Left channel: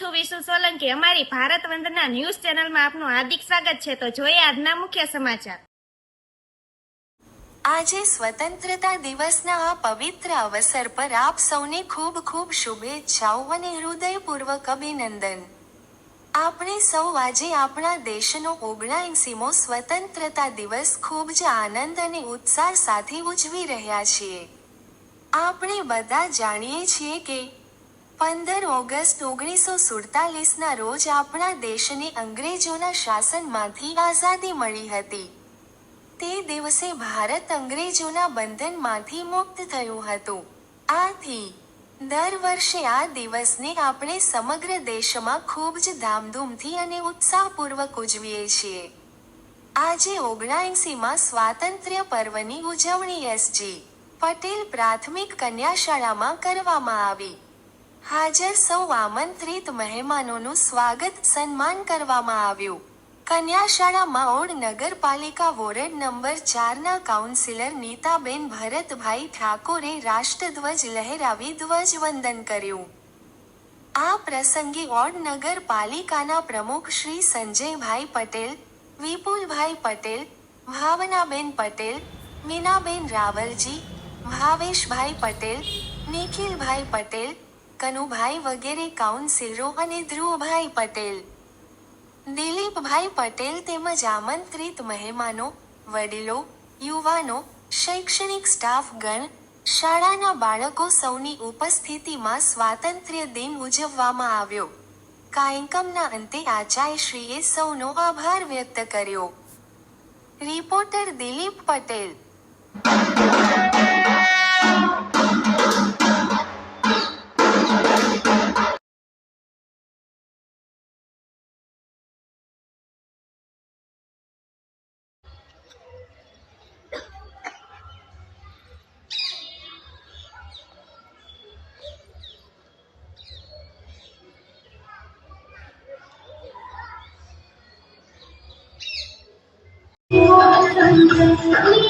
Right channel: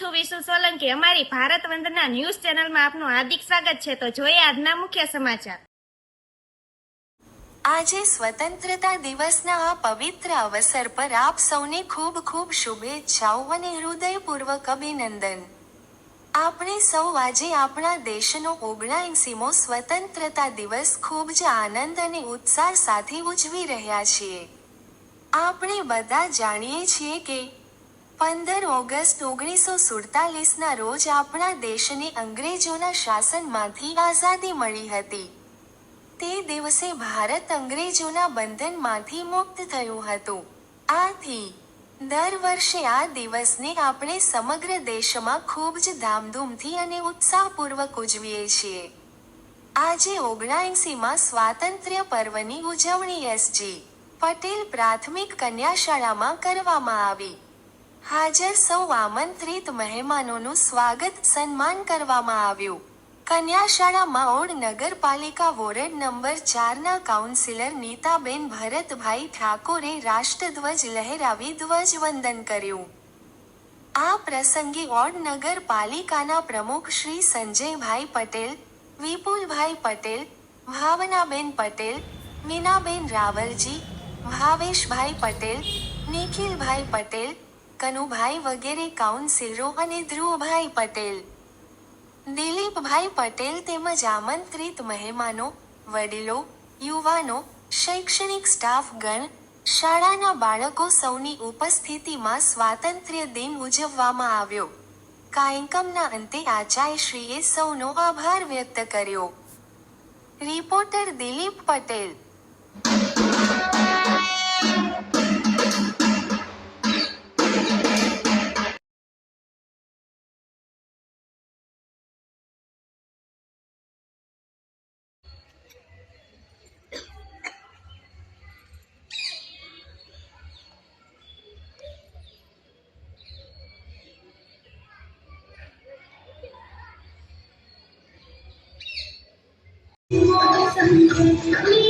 છું વિશુ સોલંકી. અમારી ભારત વંદના ન્યૂઝ ચેનલમાં આપનું હાર્દિક સ્વાગત છે. તો જોઈએ આજના મુખ્ય સમાચાર. આજે સ્વતંત્રતા દિવસના આ પવિત્ર અવસર પર આપ સૌને ખૂબ ખૂબ શુભેચ્છાઓ અને હૃદયપૂર્વક અભિનંદન. આપણે સૌ આજે આપણા દેશનો ઓગણાએંસીમો સ્વતંત્રતા દિવસ ખૂબ જ આનંદ અને ઉત્સાહ સાથે ઉજવી રહ્યા છીએ. આપણે બધા જાણીએ છીએ કે પંદર ઓગસ્ટ ઓગણીસો સુડતાલીસના રોજ આપણા દેશને અંગ્રેજોના શાસનમાંથી આઝાદી મળી હતી. તે દિવસે ભારત અંગ્રેજોના બંધનમાંથી મુક્ત થયું હતું. આથી, દર વર્ષે આ દિવસને આપણે સમગ્ર દેશમાં ખૂબ જ ધામધૂમથી અને ઉત્સાહપૂર્વક ઉજવીએ છીએ. આજે ઓગણાએંસીમાં સ્વાતંત્ર્ય પર્વની ઉજવણી એસજી પટેલ પ્રાથમિક કન્યા શાળામાં કરવામાં આવી. હાજર સૌ આમંત્રિત મહેમાનોનું સ્વાગત સન્માન કરવામાં આવ્યું. કન્યાશાળામાં ઓડ નગરપાલિકા વોર્ડ નંબર ચારના કાઉન્સિલર નીતાબેન ભરતભાઈ ઠાકોરે રાષ્ટ્રધ્વજ લહેરાવી ધ્વજવંદન કર્યું. આ પ્રસંગે ઓડ નગરપાલિકાના પ્રમુખ શ્રી સંજયભાઈ પટેલ, વિપુલભાઈ પટેલ, ભાવનાબેન પટેલ, મીનાબેન રાવલજી, ભાવેશભાઈ પટેલ, નિખિલભાઈ પટેલ કનુભાઈ વગેરે કાઉન્સિલરો અને ધ્રુવભાઈ પટેલ. દિલીપભાઈ પટેલ તેમજ આમંત્રિત મહેમાનો, વડીલો, યુવાનો, શૈક્ષણિક સ્ટાફ ગણ શાળાના બાળકો સૌની ઉપસ્થિતિમાં સ્વાતંત્ર્ય દિન ઉજવવામાં આવ્યો. કાર્યક્રમના અંતે આચાર્યશ્રીએ સૌનો આભાર વ્યક્ત કર્યો. Reporter Dilip Patel. Thank you.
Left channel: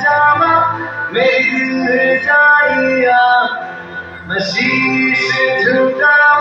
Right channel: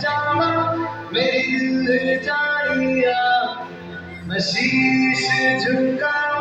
जावा मेरी दिल जाइया मैं शीश झुका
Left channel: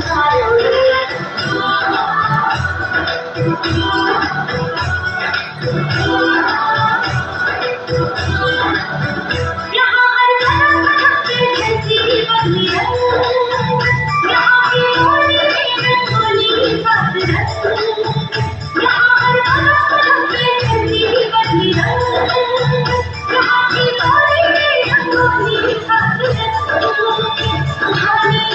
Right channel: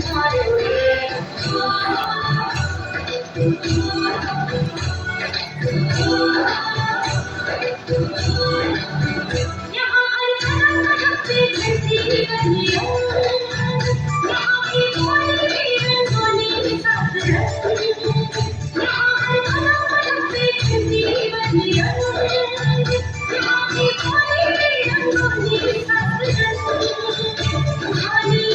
Child